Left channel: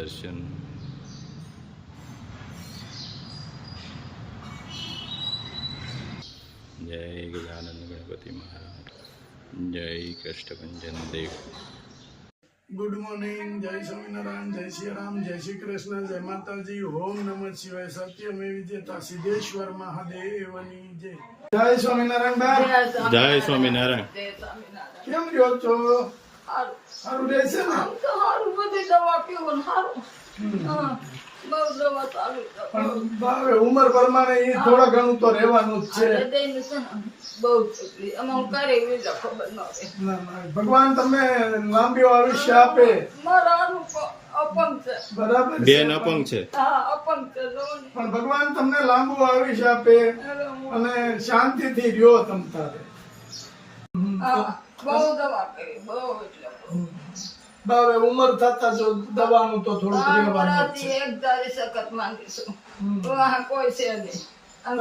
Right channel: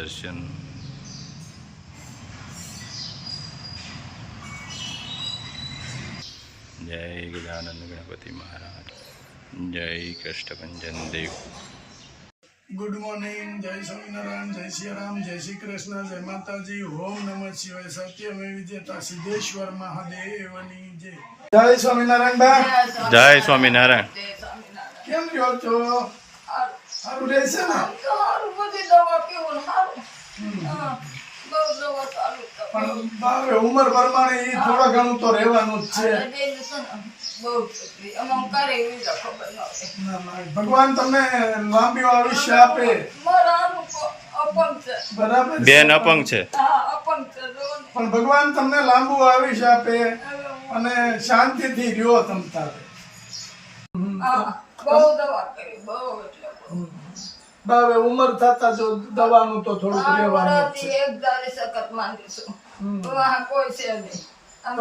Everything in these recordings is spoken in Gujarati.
દર્શન. જય ગજાનંદ ગણપતિ મહારાજ. જય કષ્ટભંજન દેવ. Good morning. જય સ્વામિનારાયણ, જય શ્રી રામ, જય શ્રી કૃષ્ણ, જય માતાજી. ઓમ નમઃ શિવાય. સત્યમે વિજેતા સિદ્ધેશ્વર મહાદેવની જય. જય સ્વામિનારાયણ બા. જય સ્વામિનારાયણ. કેમ રહ્યો છો? સારું રહેશે ને? સારું, બધી દવા પીવું ને સારું. બહુ દવા ચાલુ પણ બાવે ઉંમર પ્રમાણે એ થોડા ઘણું તો રહેવાનું જ છે. હૃદયનું છે ને બહુ તકલીફ. અમુક કરે એવી જ ખબર ન હોય. ના, ના, ભગવાન તમને લાંબી આયુષ્ય આપે. મારા આનું અપંગ છે. બરાબર છે. બેન અપંગ છે. હા, અપંગ છે. જોવો ને. પણ ભગવાન તમને લાંબુ આયુષ્ય આપે અને શાંતિથી રહ્યો તમ તારે. હા, બહુ દવા કરી, બહુ એટલે બહુ. બાવે ઉંમર થતા જો દવાનું તો થોડુંક આ રહેવાનું જ છે. વરાથી એક ધારી સખત માંગી છું. વાહ કોઈ છે નહીં. આમ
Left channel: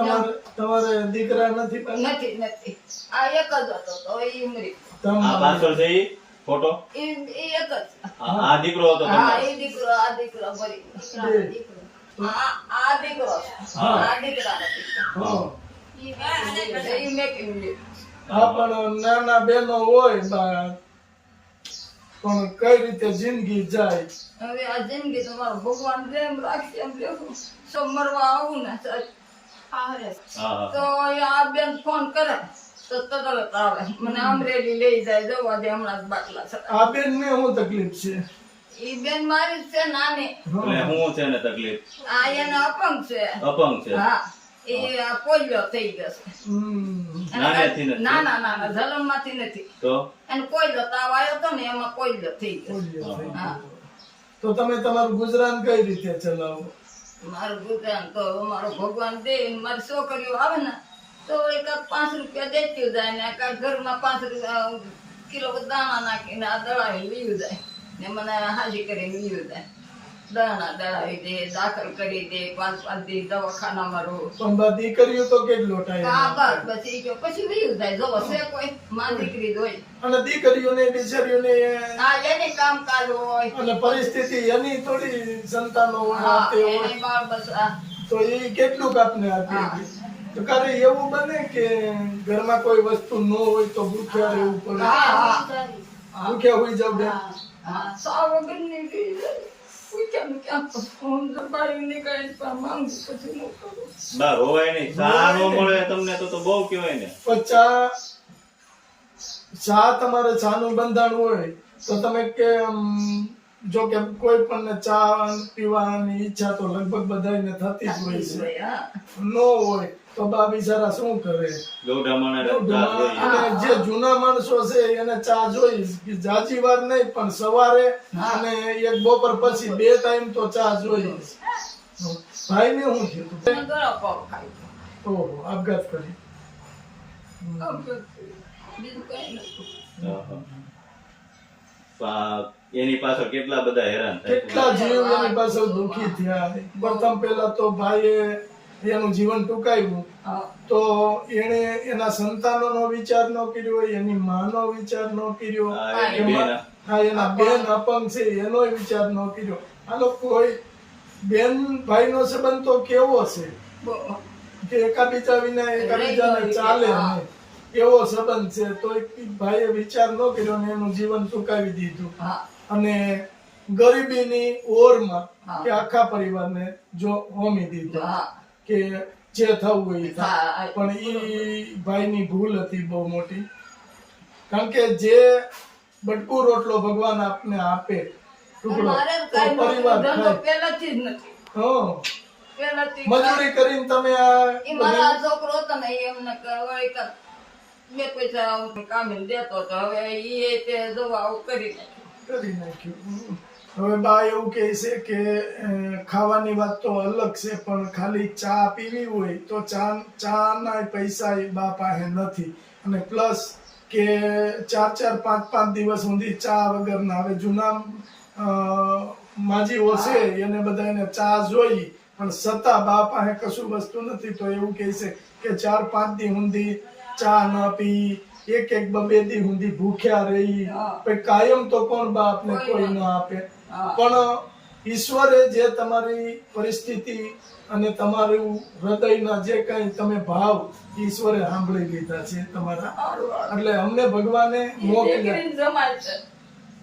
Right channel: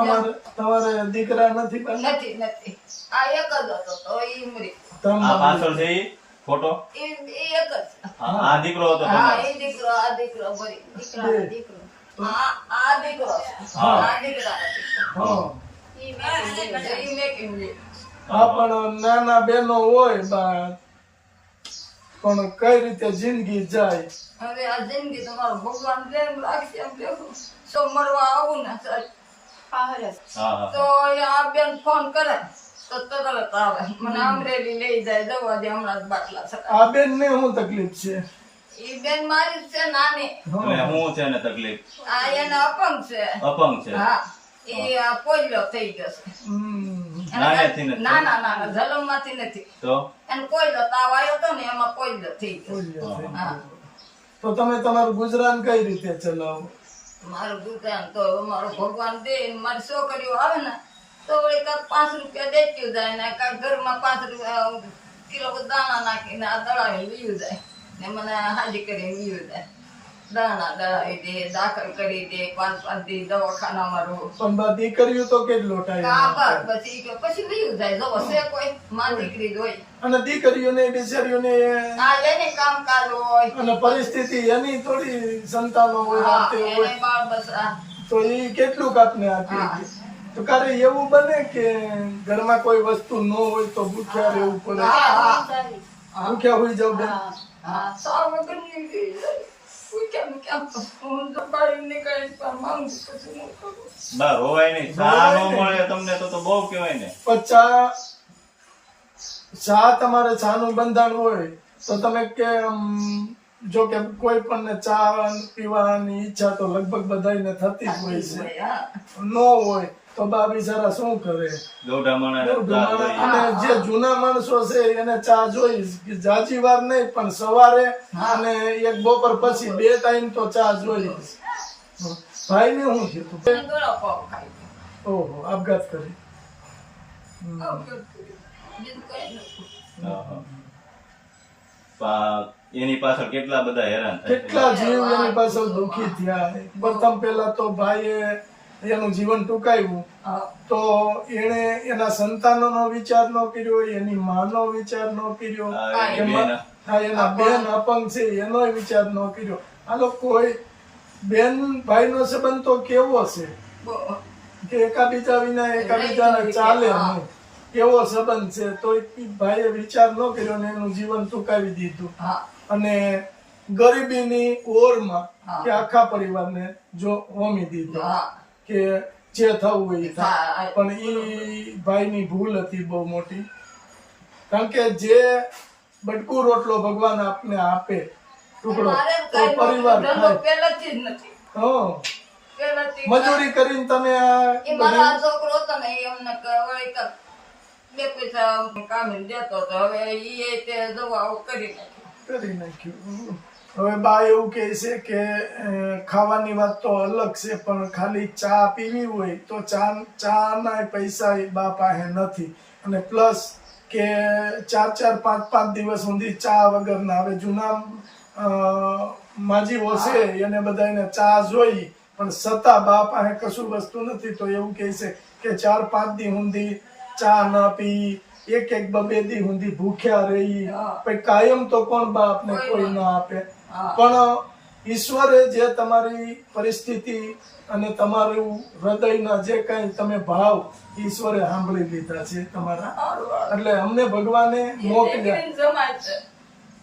તમારે દીકરા નથી પાછા? નથી. આ એક જ હતો તો એ મરી ગયો. તમારે- આ પાછળ છે ઈ ફોટો. એ એક જ. આ દીકરો હતો હા, તમારો. એ દીકરો, આ દીકરો મરી ગયો. આ દીકરો, આ દીકરા નથી. હા. ઈ મેકિંગ લે. હા, પણ નાના બેનો હોય બા, પણ કઈ રીતે જિંદગી જાય. હવે આ જિંદગી તમારો ભગવાન જેમ રાખશે એમ લેવું. તો મળવા આવું ને સર. હા. તો આ બેન ફોન કરે તો તરત આવે. મને અમરેલી લઈ જાય, જવા દે હમણાં જ બાટલા ચડાવે. આ બેન ને શું તકલીફ છે? ઈ બેન મારી જ છે નાની. એટલે હું છે ને તકલીફ આ એને અપંગ છે. અપંગ છે. હા, એ પોલિયો થઈ ગયો છે. નાનેથી નથી? ના, જલમ માંથી નથી. તો એને પોલિયો તાવ આવ્યો તો ને એમાં પોલિયો થઈ ગયો. હા. તો તમે તમારું ગુજરાન કઈ રીતે ચલાવો? મારું ગુજરાન તો મારો ભગવાન દે. મારી છોકરીઓ આવે ને તો એકાદ 5 રૂપિયા દેતી જાય ને કાંઈ ઘરમાં 5 કિલો દાણા નાખીને આ દળાવી લીધું જાય ને મને હાજી કરીને લીધું જાય. દાણા દળાવી દે, દાખલ કરી દે, 5 દી દવાખાનામાં રહું. પણ બા દીકરીઓ તો કેટલો ટાઈમ કાં બસ પછી કે પછી લીધું જાય. જો છે કોઈ માં દીકરી જ હોય. અને દીકરીઓને બિચારીઓને હા, એને કામકાજ હોય. અને પરિસ્થિતિ એની થોડી સંતાનો હોય, હા, તે હોય, એને બાળ બસરા. તો એ કેટલું આપને આપી હા. તો ક્યારે એવું બને કે ઘરમાં કોઈ વસ્તુ ન હોય તો ભૂખ્યા રહેવું પડે? ભૂખ્યા હોઈ જાવ બેન? હા, સાવ વગરની લઈ જાય. કોઈ કેમ હું જો બહાર નીકળીને પણ માંગુ પછી હું કરું. બા રોવાય નહીં. ચા નો મળે તમને તો બહુ કહેવાય ને. પણ ચા તમારે ચાનું બંધાણ હોય તો તમે કે જો કે કોઈ પણ ચા પીવાની ઈચ્છા તો લગભગ બધાને થતી જ હોય છે. હા. ન હોય તો બા બિચારા શું કરે? ગૌઢા માણસ ચા જોઈએ. અને જે જૂના માણસો છે એને ચા જોઈ જાજી વાર નહીં પણ સવારે અને એક બપોર પછી 2 ટાઈમ તો ચા જોઈ. ભાઈ ને શું થયું? અને ગળા પાવ ખાઈ ગયો. ઓહો, આપઘાત કરી. આમ કરતું. બીજું કઈ નથી. હા. એની પાછળ કેટલા બધા હેરાન થાય છે. કેટલા જીવ એની પાછળ દુખી થયા. પ્રથમ પહેલા તો ભાઈએ એનું જીવન ટૂંકાવ્યું હા. તો એને એના સંતાનોનો વિચાર ન કર્યો, એની માનો વિચાર ન કર્યો, એની બેન. હા, એના બેન અપંગ છે એનોય વિચાર ન કર્યો. આનો કોઈ બેન ભાઈનો સંબંધ તો કેવો છે બહુ. કે એકાબીજા વિના એકાબીજાને ચાલે નહીં એવો સંબંધ છે. તો એક ભાઈએ વિચાર ન કર્યો ને એનું જીવન ટૂંકાવી દીધું. હા. અને ગરીબીની ઓરમાં હા. કે આખા પરિવારને જો હોમી દીધો હા. કે જે થવું હોય એ થાય. હા. પણ ઈ ભાઈની ભૂલ હતી બહુ મોટી. કારણ કે જે બટકું રોટલો ભગવાન આપને આપે ટુકડો મારે તો કાંઈ પરિવાર ધંધો ખાય. પહેલેથી જ નથી. હં. પહેલેથી મજૂરી કરીને તમે એ મારા છોકરો હતો ને એ અમને કહેવાય કે 2 પૈસા કામી દેતો હતો. હવે એ તે દવાઓ કરી નાખી. કરી નાખ્યું. હવે બા એવું કહે છે કે ખાવાની વાત તો અલગ છે પણ ખાલી ચા પીવી હોય તો ચાના પૈસા એ બા પાસે નથી. અને પ્લસ કે 4 5 દિવસ સુધી ચા વગર ના. હવે જૂના માજીઓ છે એને બધાને ચા જોઈ પણ છતાં બા પાસે કશું વસ્તુ નથી. તો એવું કહે છે કે 4 5 દી સુધી ચા ન પી, 1 2 દી સુધી ભૂખ્યા રહી. પછી કાયમ તો કોણ બા આપને કોઈ ના આપે. પણ ઈશ્વરે જે તમારી પરિસ્થિતિ અને તમારું હૃદયના જે કઈ તમે ભાવ ઈશ્વરે સાંભળી લીધા છે તમારા. એટલે અમને ભગવાને મોકલ્યા. દીકરીને જમાય છે.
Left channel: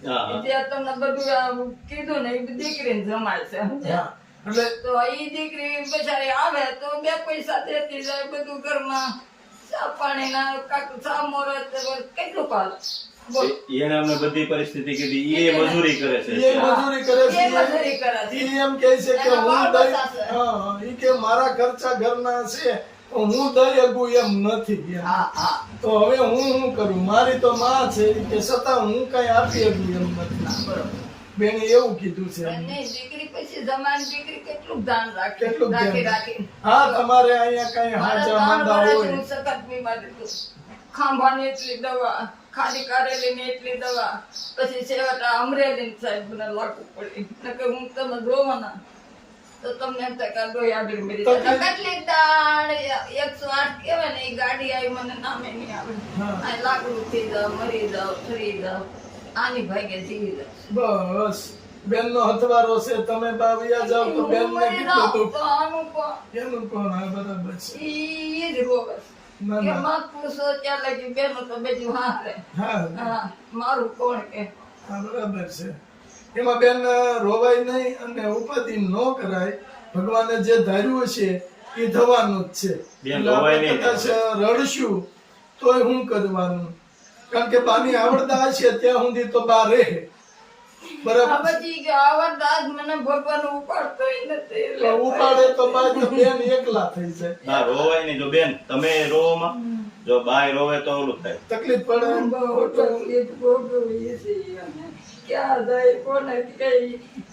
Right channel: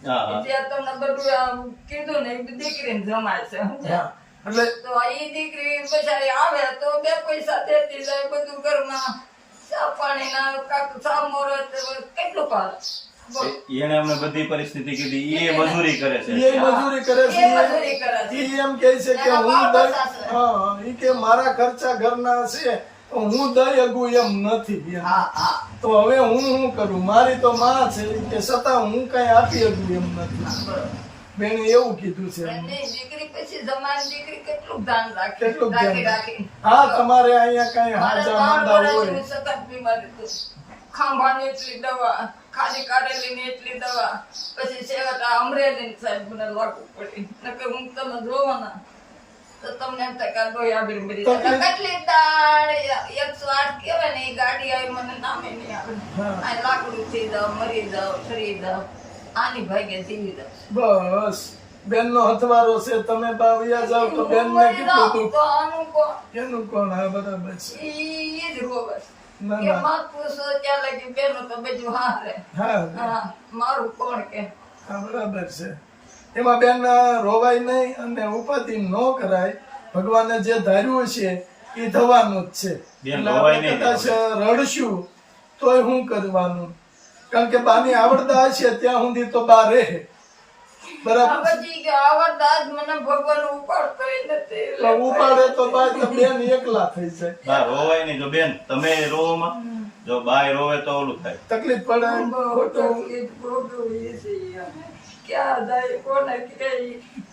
હા, હા. જે તમને બધું આમ કીધું ને એ દીકરીને જમાય છે સમજ્યા? હા. એટલે તો ઈ દીકરી બચારી આવે તો બે પૈસા દેતી જાય બધું ઘરમાં ચા પાણીના કાક સામોરત કેટલું પાલે બોલ. એને અમને બધી પરિસ્થિતિ કીધી એ મજૂરી કરે છે એ મજૂરી કરે છે. એ મજૂરી કરે છે. ઈ એમ કહે છે કે એના હું બાપ દઈ સાસરે. હા ઈ કે મારા ખર્ચા ઘરના છે તો હું દઈ અગું એમ નથી એમ. હા હા તો હવે હું શું કરું? મારી તો માં છે ઈ કે છતાં હું કઈ આપી અગું એમ નથી. બરોબર. બેને એવું કીધું છે. અને દીકરી પછી જમાની દીકરી કેટલું ધ્યાન રાખે કેટલું રાખી ધ્યાન. રાખી હા તમારે અહીંયા કઈ મારા હાજા 3 માંદા વર્ષ હોય જેવી સખત બીમારી હતી. ખાંભાની એટલી દવા ખાલી કારેલીની એટલી દવા પછી છેવટા અમરેલી સાહેબ મને લાગુ પડી નકર હું તમે જોવાના તો તમને એમ થાય કે આ ડોઈ આગળ મરી જાય. તકલીફ- કેટલી દાણ 108 કહેવાય ને એ ગાડી આવી મને નામે નહીં આવે હા. આ લાકડું થઈ જાવ મરી જાવ ઠરી જાવ આની ભાગ્ય જીવી જાવ બસ બેન નો હથવારો છે તમે બાવિયા જાવ તો બેન ને મરી કીધું જાવ તું તો આનું કોણ? એનું કોણ? હા બરાબર છે. ઈ જ રોવે ના કે ના માં પૂછો ત્યાં લગી બેનો તો બધું હારે હા હા મારું કોણ કે હા બરાબર છે. એમાં બેન રોવાય નહીં અને ઉપાધિ ન કરાય. ભગવાને જે ધાર્યું છે એ થવાનું જ છે. બેન એટલે રોવાય આપણે નહીં. કદાચ રડશું તોય શું કરવાનું? કારણ કે બાની આવડતા હશે ત્યાં સુધી તો બા રહે. બરાબર છે? પછી કે આવા દાદ મને ભગવાન ઉપાડતોય નથી તો ઉપાડે તો બા તો બેન એકલા થઈ જાય. બા રોવાય નહીં. જો બેન તમે રોવામાં જો બાય રોવે તો ઓલું થાય. તકલીફ પડે બહુ તકલીફ ભોગવીએ છીએ અમે. ક્યાં જાય કોને કે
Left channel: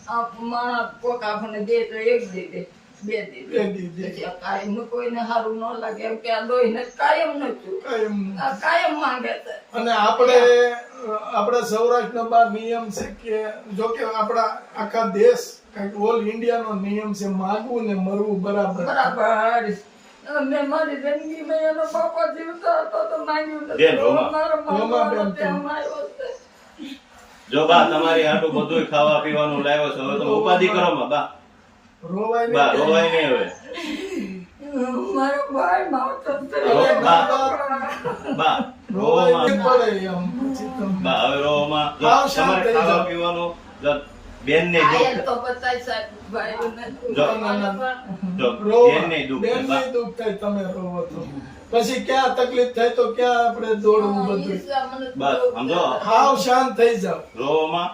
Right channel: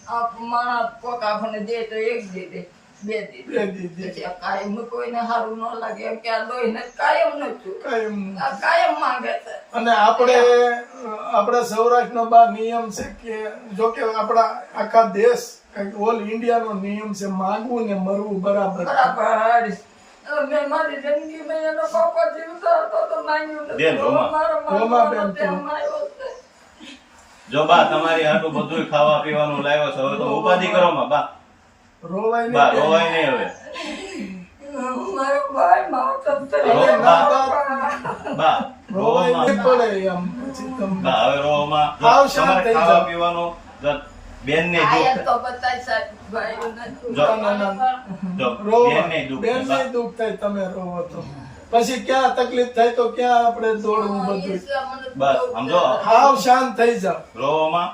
આ માણસ કોક આપણને દે તો એક દી દે બે દી દે. બે દી દે. પછી આ કાયમ કોઈને સારું ન લાગે એમ કે આ દોઈને કાયમ નથી કાંઈ એમ. આ કાયમ માંગે છે અને આપણે સૌરાષ્ટ્રનો બા નિયમ છે કે જો કે આપણા આખા દેશ ઓલ ઇન્ડિયાનો નિયમ છે માગવું ને મરવું બરાબર. બરાબર મેં મારી જિંદગીમાં એનો બાપા જીવતા હતો તો માંગ્યું નથી. બેન, રોમા. મારો રોમા બેન માગવાનો તો. તેમ આવ્યો છે. જો બા તમારી હાટું બધું ખાવા પીવાનું લાવ્યો છે હવે તો ઉપાધિ કરો માં બા. રોવાય બા નહીં. રોવાય નહીં હવે. મારો ભાઈ માવતર રો- તરીકે બા રોવાય રોવામાં નહીં પડે એમ પછી તમને. બા હવે રોવામાં જો હાવ શાંત તમારે થઈ ખાવા જાઓ. પીવાનું જો બેન ને આયત દુઃખ તો બતાય સાહેબ ભાઈ જો ના, ના, ના. જો રોવા. બેન ને દુઃખ થાય, બા. બેનને દુઃખ થાય તમે રોવો તો. પછી ક્યાં તકલીફ થાય તો ક્યાં આપણે દોડવું બધું. બસ, સમજો. હાવ શાંત થઈ જાવ. રોવામાં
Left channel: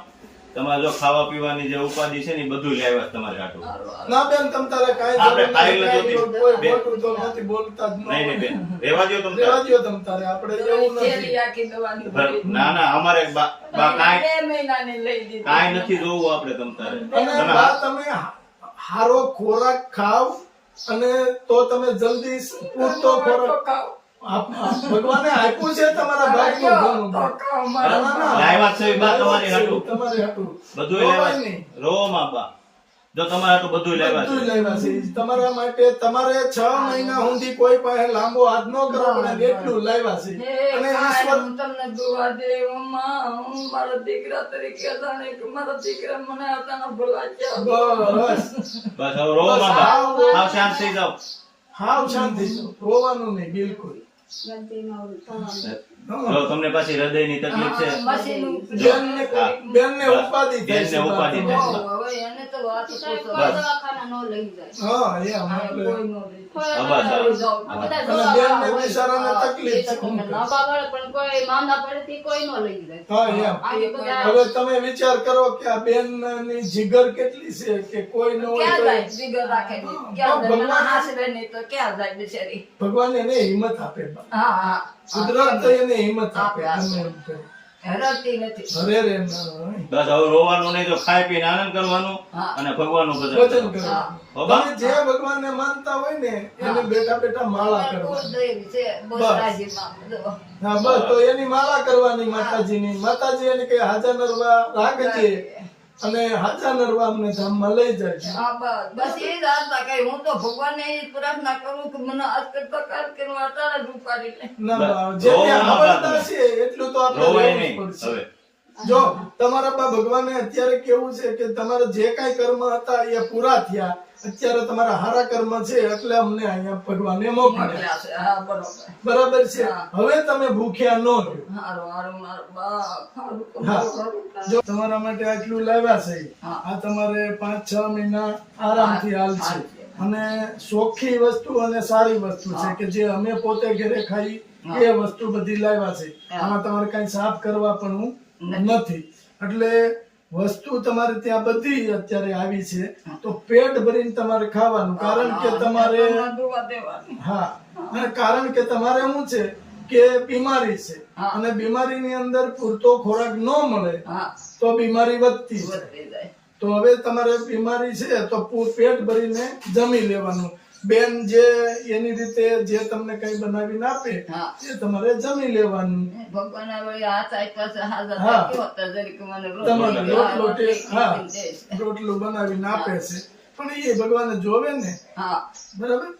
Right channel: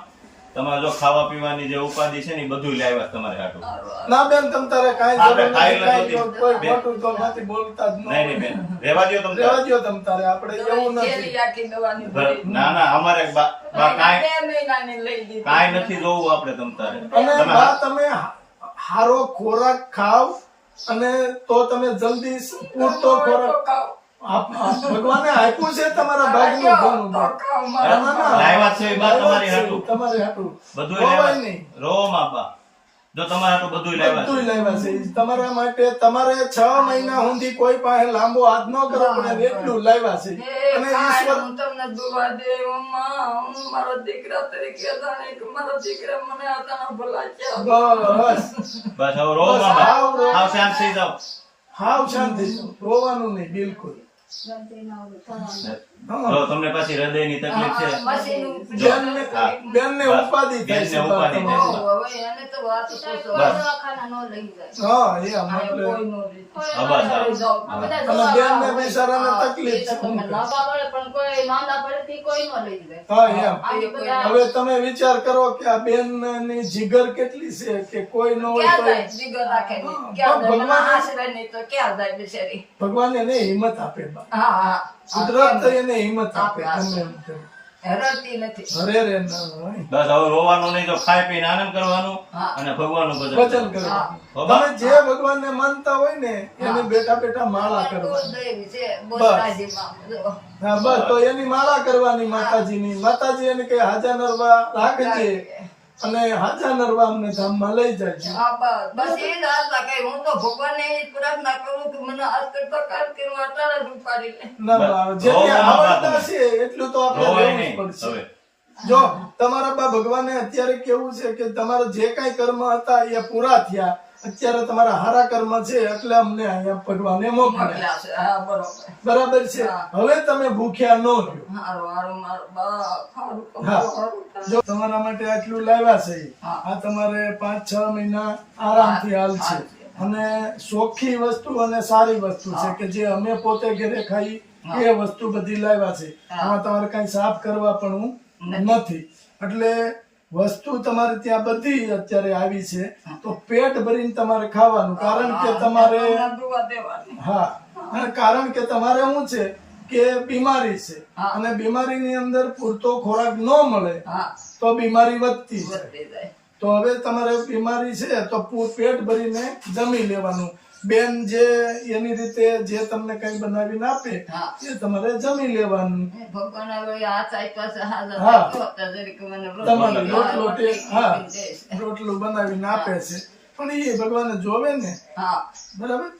તમારે જો ખાવા પીવાની જે ઉપાધિ છે ને એ બધું લાવ્યા છે તમારે હાટું. ના બેન તમ તારે કાંઈ આપણે જરૂર ખાઈ નથી, લેજો કાંઈ તી. કોઈ બેન. ખોટું તો નથી બોલતા જ નહીં નહીં બેન રેવા દો તમે રહેવા દ્યો તમ તારે આપણે એવું નથી. ના ના અમારે બા કાંઈ 2 મહિનાની લઈ દીધી કાંઈ નથી જોવું આપણે તમ તારે અને તમે બા તમે હારો ખોરાક ખાવ અને તો તમે જલ્દી પૂરતો ખોરાક ભગવાને આપ્યું છે તમારા ભાગનું ઘણું બા. ના, ના, ના. લાવ્યા છે બા તમારી હાટું. તમારી હાટું. બધું રોવાય લેવા નહીં. રોવામાં બા જો તમારે હાટું બધું લેવા બધું છે લાવ્યા છે તમારા માટે. તમારે 6 મહિના સુધી કોઈ પાસે લાંબો હાથ ન કરવો પડે એટલું લાવ્યા છે. અને ઈશ્વર હું તમને દુઆ દે હું મારો દીકરા તરીકે જાણે કે મારો દીકરા મને આતાના ભલા છે બસ બસ હવે રોવામાં બા આવ શાંત થઈ જાઓ હાવ શાંતિ રોવાનું નહીં બિલકુલ. જો તમને પાછી હૃદયની તકલીફ છે જો, બેનને હા. બેનને બસ. ઉપાધિ થાય બેનને છે ઉપાધિ બા થાય છે. તમારે. હવે એને તો વાત પૂછો બસ. હા એમ આને એટલે કોઈ નો લે હા, બસ, હા. અને બેનને બિચારાને તકલીફ છે શું કરે? હા એમ હવે તમે વિચાર કરો કે આ બેનની જીગર કેટલી છે કે કોઈ ન હોય ક્યાં તો જાય જીગર રાખે નહીં. ક્યાં જાય? મને ભગવાન- આશરે નહીં તો ક્યાં જાય બિચારી ભગવાન એને હિંમત આપે બા. હા હા કુદરત તો એને હિંમત આપે આપે, ગમે એમ કરે. હેરાનતી નથી ઘરે રે ન હોય. બસ હવે રોવાનું નહીં તો ખાઈ પીને આનંદ કરવાનું હા. અને ભગવાનનું ભજન ભજન કરવાનું. કરવાનું. હો બા? તમે જે ભગવાનને માનતા હોય ને એને બેઠા બેઠા માળા કરવાની. દેવી છે બસ. બોસરાજીમાં બધું. હા બસ તો એની માળા કરવાની માતાજીની. માતાજી એને કે હાજા નરવા રાખજે અને હાજા નરવા અમને ધામમાં લઈ જાય. હા, બસ એ જ આશા કરી. હું તો ભગવાનને એ જ પ્રાર્થના કરું કે મને આજ કરતા કાલ કે હું અટાણે જ ઉપાડી લે. ના બસ. બા, જેને રોવામાં આવડતા બા છે એટલું તો આપણે રોવાય રહેવું જ નહીં પડશે. હવે જો તમારા બા ભગવાને અત્યારે કેવું છે કે તમારા જે કાંઈ કર્મ હતા એ પૂરા થયા, અત્યારે તમારા હારા કર્મ છે એટલે અમને અહીંયા ભગવાને મોકલ્યા. મોકલ્યા છે. હા, બરોબર. બરાબર છે. હવે તમે ભૂખ્યા ન રહ્યો. હારું હારું મારું બા ખારું તો હા. હારું થાય. જો તમારા માટે આટલું લાવ્યા છે, હા. આ તમારે 5-6 મહિના આરામથી હાલશે. અને ચોખ્ખી વસ્તુ અને સારી વસ્તુ છે કે જે અમે પોતે ઘરે ખાઈ એ વસ્તુ બધી લાવ્યા છે. આમાં તમારે કઈ સાફ કરવા પણ નથી. એટલે વસ્તુ તમારે ત્યાં બધી અત્યારે આવી છે, તો પેટ ભરીને તમારે ખાવાનું. કારણ કે તમારે દુવા દેવાની. હા, અને કારણ કે તમારે શું છે કે બીમારી છે, અને બીમારીની અંદર પૂરતો ખોરાક ન મળે હા, તો બીમારી વધતી જાય. વધતી જાય. તો હવે તમારે બીમારી છે તો પેટ ભરીને જમી લેવાનું. બેન જે એની રીતે જે તમને કઈ બનાવીને આપે હા. એ તમારે જમી લેવાનું. ભગવાન હવે હાથ આપ્યા છે, હાજર હા. રાખ્યો હતો જરીક મને તમારે રોટલો રોટલી હા દેશ. રોટલું બનાવીને આપે છે, પણ એ ભગવાને જોવે ને. હા, બરાબર,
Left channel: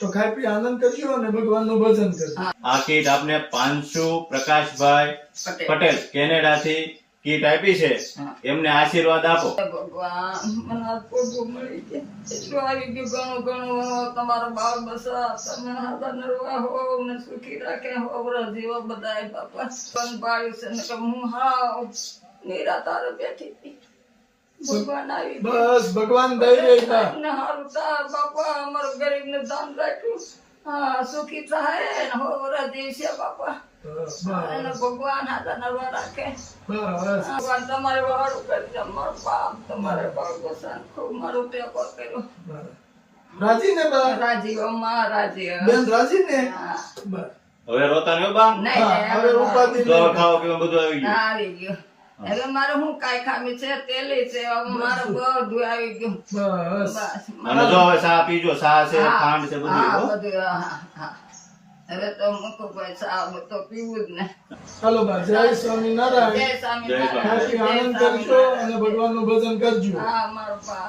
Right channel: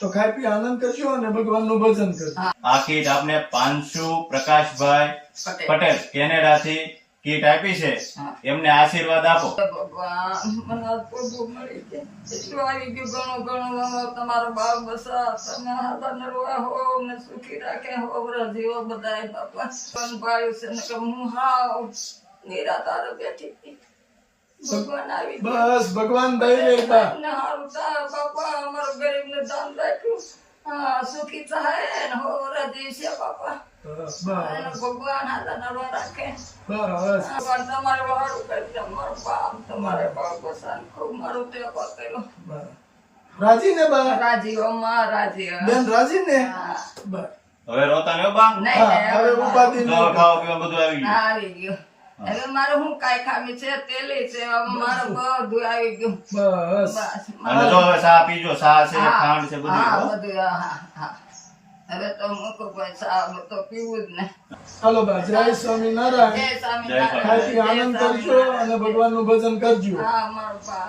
તો ખાઈ પી આનંદ કરજો અને ભગવાનનું ભજન કરજો. આ કીટ આપને પાંચુ પ્રકાશભાઈ પટેલ. પટેલ કેનેડા થી કીટ આપી છે, હા. એમને આશીર્વાદ આપો. ભગવાન મને આ પ્રભુ મળી ગયા. એટલું આવી ગયું ઘણું ઘણું. તમારો બાળ બસા તમે હાથા નરવા હો ને સુખી રાખે હો જીવો બધાય બાપા. પણ પાડ્યું છે ને કે હું હાવ નિરાધાર બેઠી હતી. ભગવાન આવી ગયા. બસ ભગવાન દઈ રહી બા. ને હારું થાય બાપા. અમારો ગરીબને દાન રાખ્યું. હા, સુખી થાય ને હો રાજી છે બાપા. બસ એનો ભગવાન હાથા નરવા રાખે. બસ ભગવાન તમારે વાળું કરજો. મારો બાપ તમારે બાપ બસાન ખૂબ મારો ટેકો કર્યો. બસ. રાજી ને બા? રાજી અમા રાજી. બેન રાજી ને? હા. બસ. હવે રોતા ને બા? નહીં, હા, નહીં, હવે ઉપાધિ જો નહીં. ખાવા પીવા બધું આવી ગયું. હા, આવી ગયું. હવે મારે હું કાંઈ ખામી છે તેલી છે. હવે મારે બધું આવી ગયું. બસ બસ અને જો હવે ચા પીજો, ચા છે હા. ખાંડ છે બધું. હા, હો. બધું. હા, હા. હવે તો મૂકો ભાઈ ચા તો પીવું જ ને. હાલો બા, જય સ્વામિનારાયણ. જય સ્વામી જય ખાઈ પી આનંદ કરજો અને ભગવાનનું ભજન કરજો. હા, મારો બાપ.